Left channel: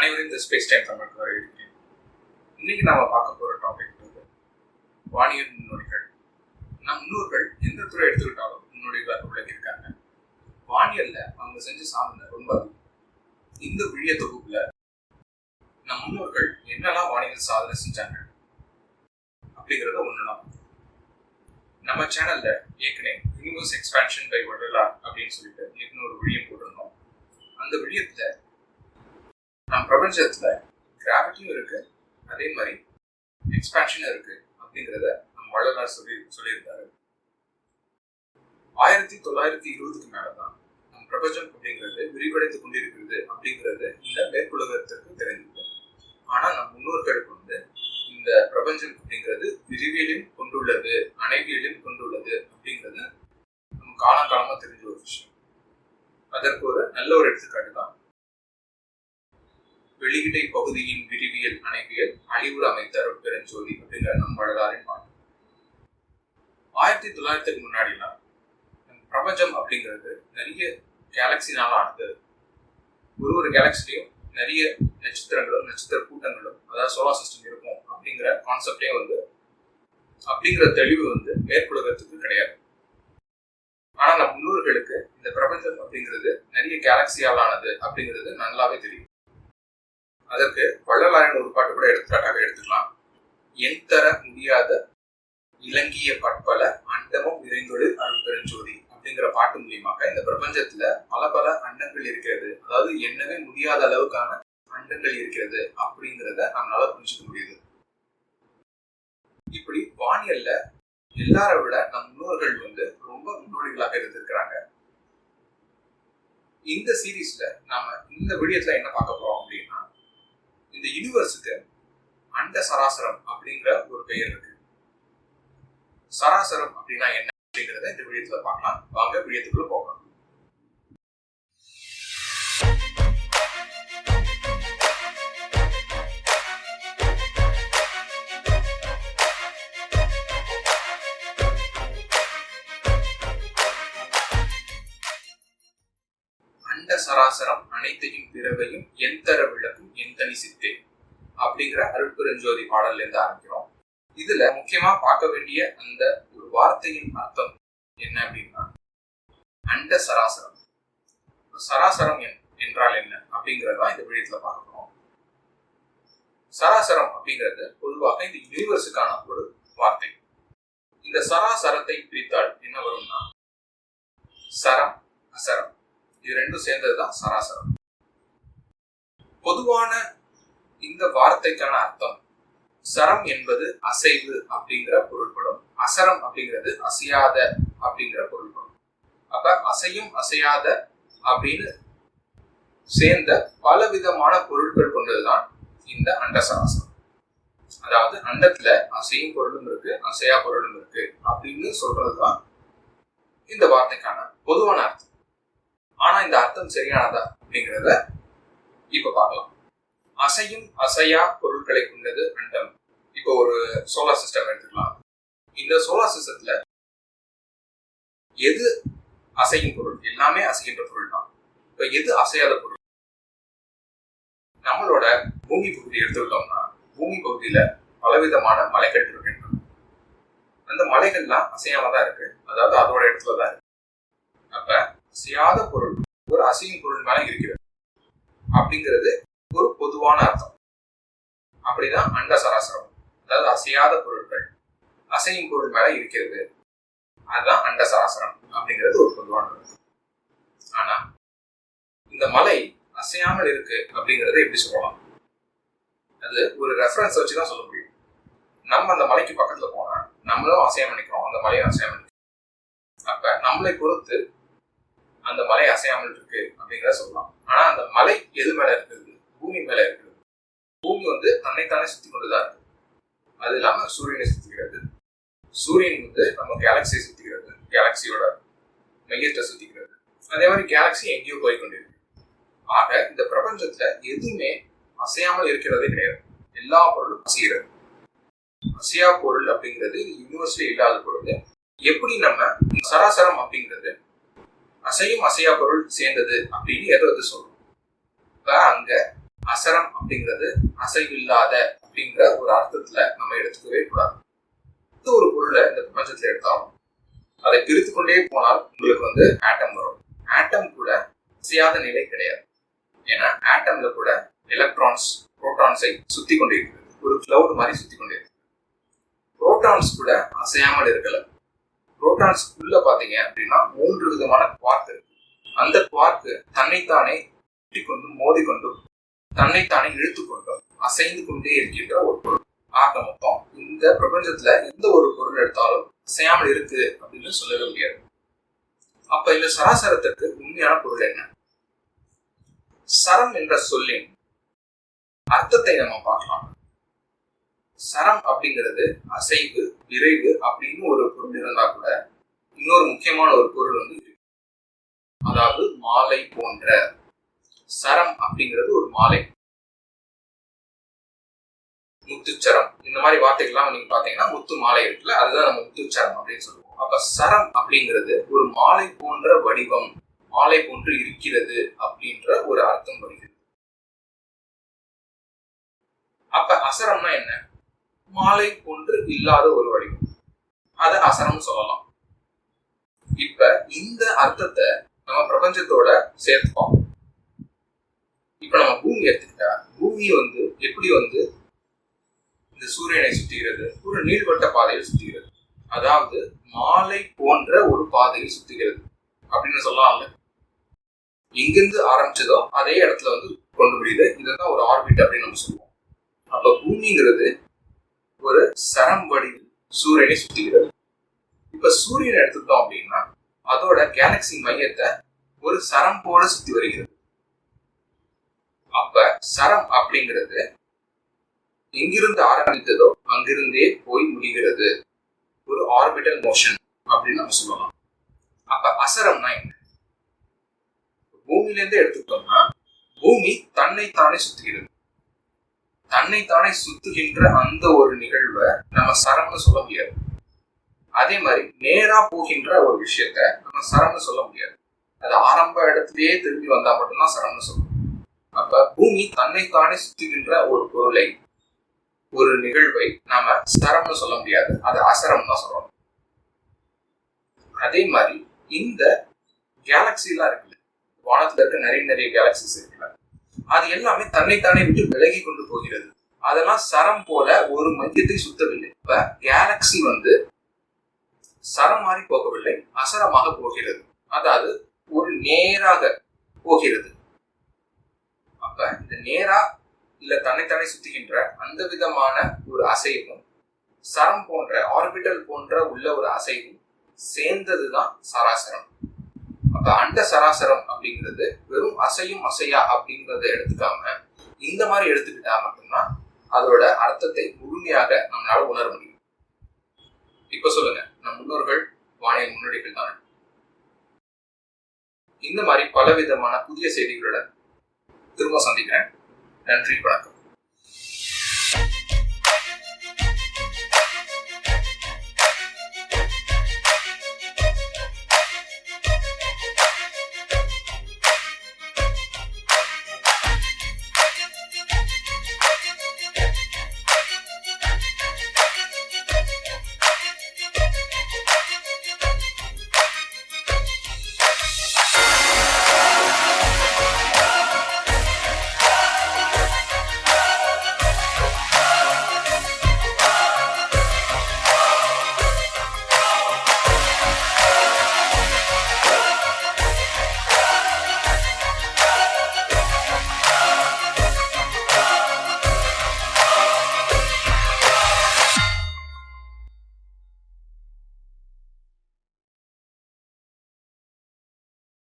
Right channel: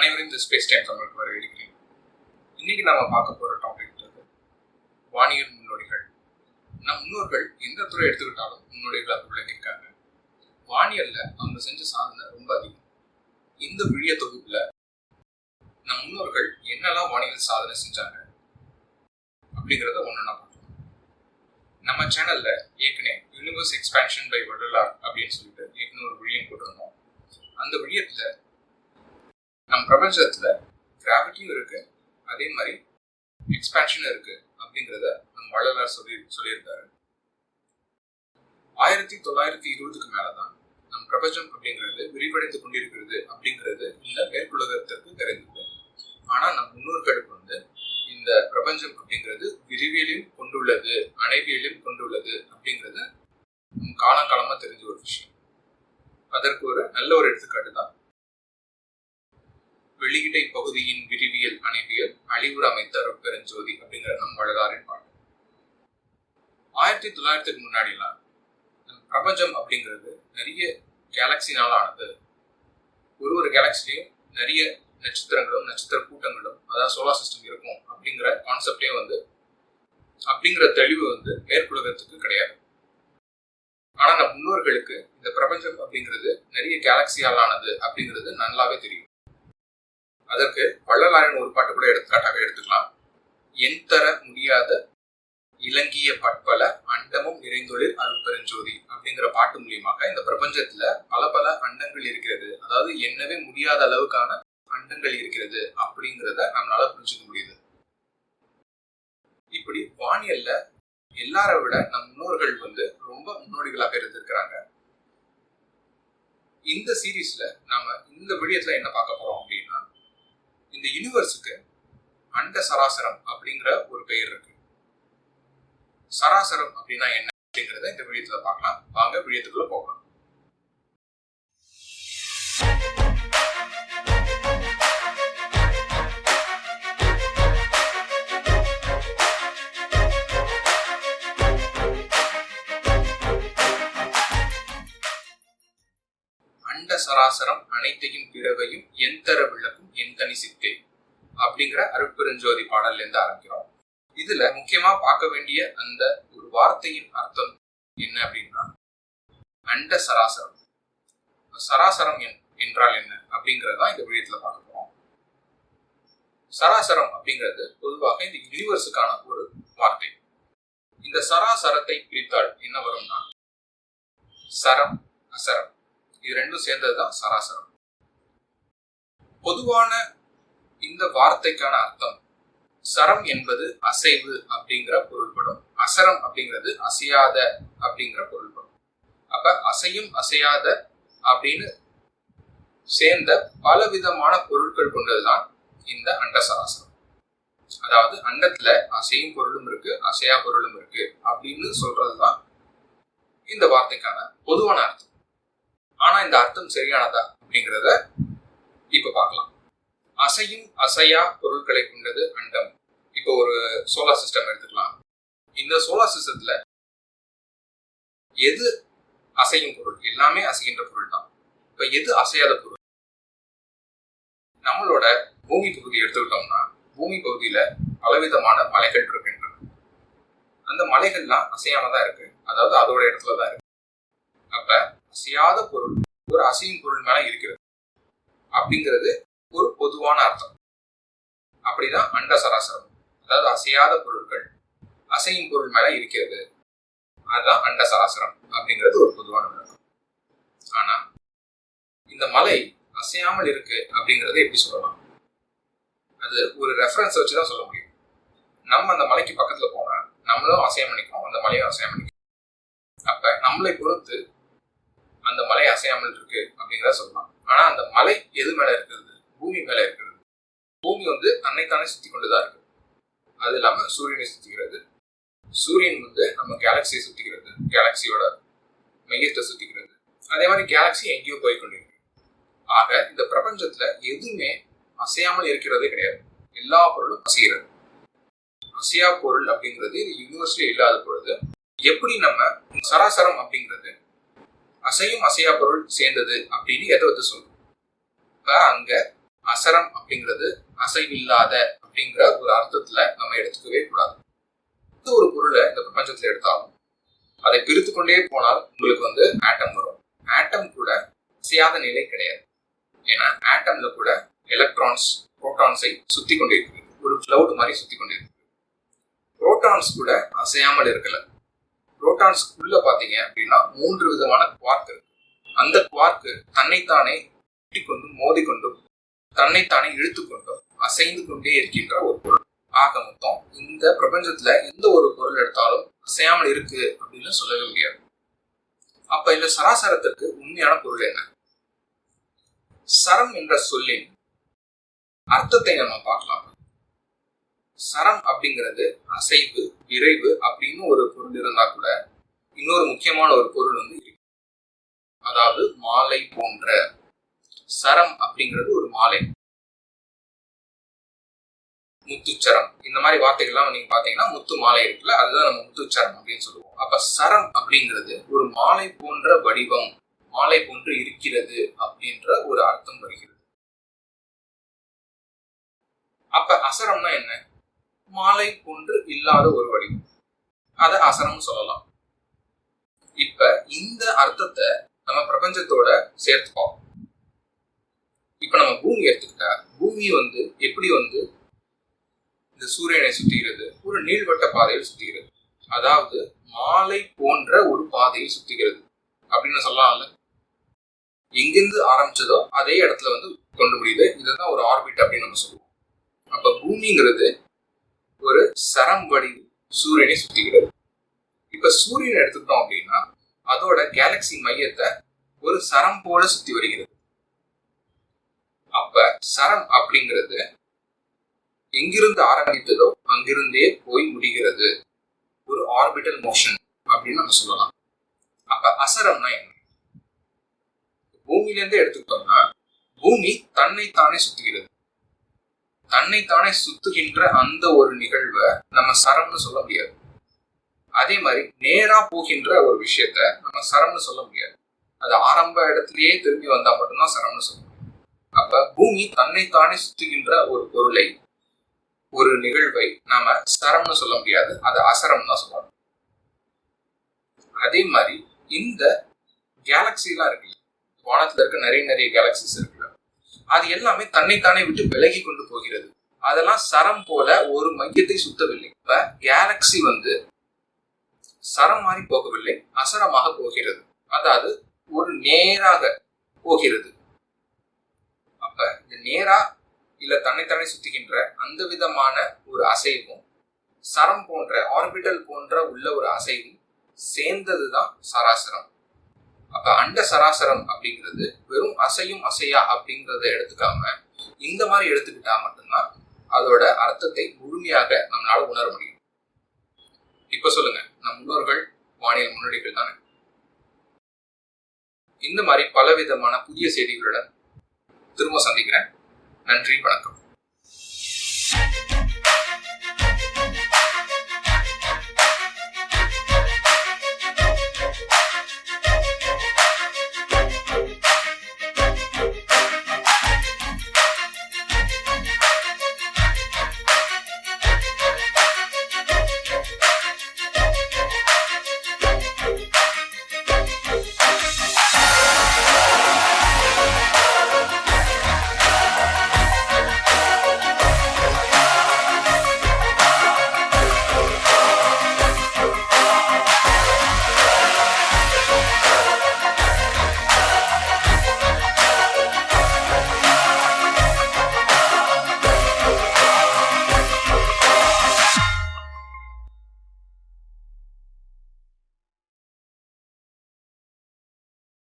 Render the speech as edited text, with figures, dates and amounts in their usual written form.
அனைவரும் இந்த space time தமிழுக்கு வரவேற்கிறேன். இன்னைக்கு நாம பார்க்க போற டாபிக் வானியல் முன்னோடிகள். நம் முன்னோர்கள் எந்த துறை எடுத்துக்கிட்டாலும் முன்னோடிகளாக விளங்கியிருக்காங்க. வானியல்ல அவங்க செஞ்ச சாதனை ரொம்ப அதிகம். இந்த விழிய தொகுப்புல நம் முன்னோர்கள் என்னெல்லாம் வானியல் சாதனை செஞ்சாங்க அப்படிங்கிறத ஒண்ணுன்னா பார்க்கலாம். நம்ம சேனல்ல ஏற்கனவே யூனிவர்ஸ் எக்ஸ்பான்ஷன் பை வள்ளலார் அப்படின்னு சொல்லிட்டு ஏற்கனவே ஒரு விழியம் போட்டிருந்தோம். அந்த விழியத்துல நம் பிரபஞ்சத்துல கிராவிட்டியும் இருக்கு, அதே மாதிரி எக்ஸ்பான்ஷனும் இருக்கு அப்படிங்கிறத நம் வள்ளலார் சொல்லியிருந்தாரு. 1920க்கு மேலதான் நம் பிரபஞ்சம் அப்படிங்கிறது விரிவடைந்து கொண்டிருக்கிறது அப்படிங்கிறது இந்த மேற்குலகத்திற்கு தெரிந்தது. ஆனா நம் முன்னோர்களுக்கு இந்த பிரபஞ்சம் அப்படிங்கிறது விரிவியலையும் கொண்டுள்ளது, அணைவியலையும் கொண்டுள்ளது அப்படிங்கிறது நம்ம காலங்காலமா தெரிஞ்ச ஒரு விஷயம். அதற்கு ஒரு நல்ல ஒரு எடுத்துக்காட்டு தான் வெளியிடை பகுதியின் விரிவியல் அணைவியல் அழிவுற அமைத்த அருட்பெருஞ்சோதி அப்படிங்கிற நம் வள்ளலாரின் பாட்டு. 1900க்கு முன்னாடிலாம் நம் பிரபஞ்சம் அப்படிங்கிறது நிறைய கேலக்சினால் ஆனது. ஒரு கேலக்சிலையும் நிறைய நட்சத்திரங்களும் நட்சத்திர கூட்டங்களும், அதாவது சோலார் சிஸ்டம் இருக்கும் அப்படிங்கிற கான்செப்டே அப்படிங்கிற தெளிவு மேற்குலகத்துக்கு கிடையாது. ஆனா நம் முன்னோர்களுக்கு இந்த பிரபஞ்சம் அப்படிங்கிறது நிறைய கேலக்சியால் ஆனது அப்படிங்கிறது நல்லாவே தெரியும். அதற்கு வள்ளலாரின் ஒரு பாட்டு கூட எடுத்துக்காட்டாக எடுத்துக்கலாம். என் தர முடியாத இலங்கிய பட்பல அண்டமும் நிறைந்தொழில் அருட்பெருஞ்சோதி அப்படிங்கிற பாட்டு மூலியமாக இந்த பிரபஞ்சத்துல பல அண்டங்கள் இருக்கிறது, அதாவது எண்ணவே முடியாத அளவுக்கான அண்டங்கள் இருக்கிறது அப்படிங்கிறத நம்மளால புரிஞ்சுக்க முடியுது. இப்படி வானியல்ல எல்லாரை விட நம் முன்னோர்கள் ரொம்ப முன்னோடிகளாக இருந்திருக்கிறாங்க. இந்த சீரீஸ்ல நாம இந்த விடயத்துல என்ன பார்க்க போறோம் அப்படின்னா, இந்த யூனிவர்ஸுக்கு அண்ட சராசரம் அப்படிங்கிற ஒரு பெயர் இருக்கு. சராசரம் அப்படின்னா என்ன அப்படிங்கிறத இந்த விடயத்துல பார்க்கலாம். வாங்க விடயத்துக்குள்ள போகலாம். அண்ட சராசரம் அனைத்தையும் பிறவையும் என் தர விளக்கும் என் தனி சித்தே அப்படிங்கிற அருட்பெருஞ்சோதி பாடல்ல இருந்து ஆரம்பிக்கிறோம். இதுல முக்கியமா பார்க்க வேண்டிய அந்த ஒரு வார்த்தையின் அர்த்தம் என்ன அப்படின்னா, அண்ட சராசரம். சராசரம் என்றால் என்ன அப்படிங்கறதா இந்த விடயத்துல பார்க்க போறோம். சராசரம் அப்படிங்கிறது பொதுவாக இந்த யூனிவர்ஸுக்கான ஒரு வார்த்தை. இந்த சராசரத்தை பிரித்தால் என்ன வரும்னா, சரம் அசரம் இது ரெண்டும் சேர்ந்ததுதான் சராசரம். பொதுவான இந்த வார்த்தைக்கான அர்த்தம், சரம் என்பது அசைவு அப்படிங்கிற பொருள்படும், அசரம் அப்படிங்கிறது அசையாத அப்படிங்கிற பொருள்படும். அப்ப அசையும் அசையாத அப்படின்னு சேர்ந்த பலவிதமான பொருட்கள் கொண்டதுதான் இந்த அண்ட சராசரம். அதாவது அண்டத்துல அசையும் பொருளும் இருக்கு, அசையா பொருளும் இருக்கு அப்படின்னு சொல்றதுதான் இந்த வார்த்தைக்கான பொதுவான அர்த்தம். ஆனா இந்த அர்த்தம் சரியானதா அப்படிங்கிறத இப்ப பார்க்கலாம். அசையும் அசையா பொருட்களை கொண்டது அண்டம். இப்போ ஒரு சோலார் சிஸ்டம் எடுத்துக்கலாம். இந்த சோலார் சிஸ்டத்துல எது அசையும் பொருள்? எல்லாமே அசைகின்ற பொருள் தான். இப்ப எது அசையாத பொருள்? நம்மளோட பூமி பகுதி எடுத்துக்கிட்டோம்னா, பூமி பகுதியில பலவிதமான மலைகள் இருக்கின்றன. அந்த மலைகள்லாம் அசையாம தான் இருக்கு, அதாவது அதோட இடத்துலதான் இருக்கு. அப்ப அசையாத பொருள் ஒரு அசையும் பொருள் மேல இருக்கிறது அப்படிங்கிறது ஒரு பொதுவான அர்த்தம். அப்படிதான் அண்ட சராசரம், அதாவது அசையாத பொருட்கள் அசையும் பொருள் மேல இருக்கிறது, அதுதான் அண்ட சராசரம் அப்படிங்கிறது ஒரு பொதுவான அர்த்தம். ஆனா இந்த மலை அசையாமல் இருக்கு அப்படிங்கறத எப்படி சொல்லலாம்? அது ஒரு ரெஃபரன்ஸ் வச்சுதான் சொல்ல முடியும். நம்ம அந்த மலைக்கு பக்கத்துல போனா நம்மளும் அசையாம நிக்கிறோம், அந்த மலையும் அசையாம நிற்கிறோம். அப்ப நம்மளை பொறுத்து அந்த மலை அசையாமல் இருக்கு அப்படிங்கிறத சொல்லலாம். ஆனா அந்த மலை எது மேல இருக்கிறது? பூமி மேல இருக்கிறது. பூமி தன்னைத்தானே சுத்தி கொண்டுதான் இருக்கு. அது இல்லாம சூரியனை சுத்திக்கிறது. சூரியன் நம்ம கேலக்சியை சுத்திக்கிறது, கேலக்சியோட மையத்தை சுத்திக்கிறது. அதே மாதிரி கேலக்சி எங்கேயோ போய் கொண்டிருக்கு. ஆக இந்த பிரபஞ்சத்துல எதுவுமே அசையாமல் இருக்கிறதே கிடையாது. எல்லா பொருளும் அசைகிறது. அசையா பொருள் அப்படிங்கிறது யூனிவர்ஸ்ல இல்லாத பொழுது எப்படி நம்ம சராசரம் அப்படிங்கிறது அசையும் அசையா பொருள் சேர்ந்தது அப்படின்னு எதை சொல்றோம்? இப்ப அங்க அசரம் அப்படிங்கிறது அசைவில்லாத அப்படிங்கிற ஒரு அர்த்தத்துல நம்ம எடுத்துக்கவே கூடாது. எந்த ஒரு பொருளை இந்த பிரபஞ்சத்துல எடுத்தாலும் அதை பிரித்து கொண்டே போனால் உங்களுக்கு ஆட்டம் வரும். ஆட்டம் கூட அசையாத நிலை கிடையாது. ஏன்னா ஆட்டம்ல கூட எலக்ட்ரான்ஸ் புரோட்டான்ஸை சுத்தி கொண்டே இருக்குது. ஒரு கிளவுட் மாதிரி சுத்தி கொண்டே இருக்கு. புரோட்டான்ஸ் கூட அசையாமல் இருக்கல. புரோட்டான்ஸ்க்குள்ள பாத்தீங்க அப்படின்னா 3 விதமான குவார்க் இருக்கு. அந்த குவார்க்கு தன்னைத்தானே கொண்டும் மோதிக்கொண்டும் தன்னைத்தானே இழுத்துக்கொண்டும் அசைந்து கொண்டே இருக்கின்ற ஒரு பொருள். ஆக மொத்தம் இந்த பிரபஞ்சத்துல எந்த ஒரு பொருள் எடுத்தாலும் அசையாமல் இருக்கு அப்படின்னு சொல்லவே முடியாது. அப்ப இந்த சராசரத்திற்கு உண்மையான பொருள் என்ன? சரம் என்ற சொல்லின் அர்த்தத்தை நம்ம பார்க்கலாம். சரம் அப்படிங்கிறது அசைவு, விரைவு அப்படின்னு ஒரு பொருள் இருந்தா கூட இன்னொரு முக்கியமான ஒரு பொருள் இருக்கு. அதாவது மாலை போன்ற. சரம் அப்படிங்கிறது ஒரு மாலை. முத்துச்சரம் இந்த மாதிரி வார்த்தைகள்லாம் நீங்க பாத்தீங்கன்னா முத்து மாலை இருக்குல்ல, அதுதான் நம்ம முத்துச்சரம் அப்படின்னு சொல்லுவோம். அப்ப சரம் அப்படிங்கிறது ஒரு மாலை போன்ற வடிவம், மாலை போன்று இருக்கிறது அப்படின்ற ஒரு அர்த்தம் வருகிறது. அப்ப அசரம்னா என்ன? மாலை போன்று இல்லாத ஒரு வடிவம், அத அசரம் சொல்லலாம். இப்ப இந்த அர்த்தத்தை நம்ம பிரபஞ்சத்தோட சேர்த்துப்போம். இப்ப நம்ம பூமி எடுத்துக்கிட்டா, பூமி எப்படி இந்த சூரியனை சுற்றுகிறது? ஒரு நீள்வட்ட பாதையில் சுற்றுகிறது. அதாவது மாலை போன்ற ஒரு பாதையில் சுற்றுகிறது அப்படின்னு சொல்லலாம்ல. எங்கிருந்து ஆரம்பிச்சதோ அதே இடத்துல கொண்டு முடியுது. இதுதான் ஒரு ஆர்பிட் அப்படின்னு நம்ம சொல்லுவோம். அப்ப பூமிங்கிறது ஒரு சரம் வடிவில் சூரியனை சுற்றுகிறது. இப்ப சூரியனை எடுத்துக்கிட்டோம் அப்படின்னா அதோட கேலக்சி மையத்தை ஒரு சரம் போல சுத்தி வருகிறது. அப்ப சரம் அப்படிங்கிறது எங்கிருந்து ஆரம்பித்ததோ அங்கிருந்தே போய் முடிகிறது. ஒரு ஆர்பிட்டல் மோஷன் அப்படின்னு நம்ம சொல்லலாம். அப்ப அசரம்னா என்ன? பூமியிலிருந்து எடுத்துக்கிட்டோம்னா பூமி தன்னைத்தானே சுத்துகிறது. தன்னைத்தானே சுத்துகின்ற அந்த ஒரு நிகழ்வை நம்ம சரம்னு சொல்ல முடியாது. அதே மாதிரி நேரா போகின்ற ஒரு விஷயத்த நம்ம சரம்னு சொல்ல முடியாது. அது ஆரம்ப இடத்திலேயே திரும்பி வந்தா மட்டும்தான் சரம்னு சொல்லணும். அப்ப பூமி தன்னைத்தானே சுத்துகின்ற ஒரு பொருளை, ஒரு நிகழ்வை நாம சரம்னு சொல்ல முடியாது, அது அசரம் தான் சொல்லணும். அதே மாதிரி இந்த கேலக்சி எல்லாம் இருக்குல்ல, வானத்துல இருக்க நிறைய கேலக்சிஸ் இருக்குல்ல, அது எல்லாமே தன்னைத்தானே விட்டு விலகி கொண்டு போகிறது. அதெல்லாம் சரம் போல ஒரு மையத்தை சுத்தவில்லை. இப்ப கேலக்சி சரம் மாதிரி போகவில்லை, அசரமாக போகிறது. அதாவது ஒரு நேராக போகிறது. அப்ப இந்த நேரா இல்ல தன்னைத்தானே சுத்துகின்ற அந்த விதமான ஒரு அசைவும் சரம் போன்ற ஆர்பிட்டல் போன்ற உள்ள ஒரு அசைவும் சேர்ந்ததுதான் சராசரம். அப்ப அண்ட சராசரம் அப்படிங்கிறது வெறும் அசையும் அசையா அப்படிங்கறத எடுத்துக்காம இந்த மாதிரி எடுத்துக்கிட்டா மட்டும்தான் அதோட அர்த்தத்தை முழுமையாக நம்மளால உணர முடியும். இப்ப சொல்லுங்க, நம் முன்னோர்கள் வானியல் முன்னோடிகள் தானே. இந்த மாதிரி பலவிதமான புதிய செய்திகளுடன் திரும்ப சந்திக்கிறேன். நன்றி, வணக்கம்.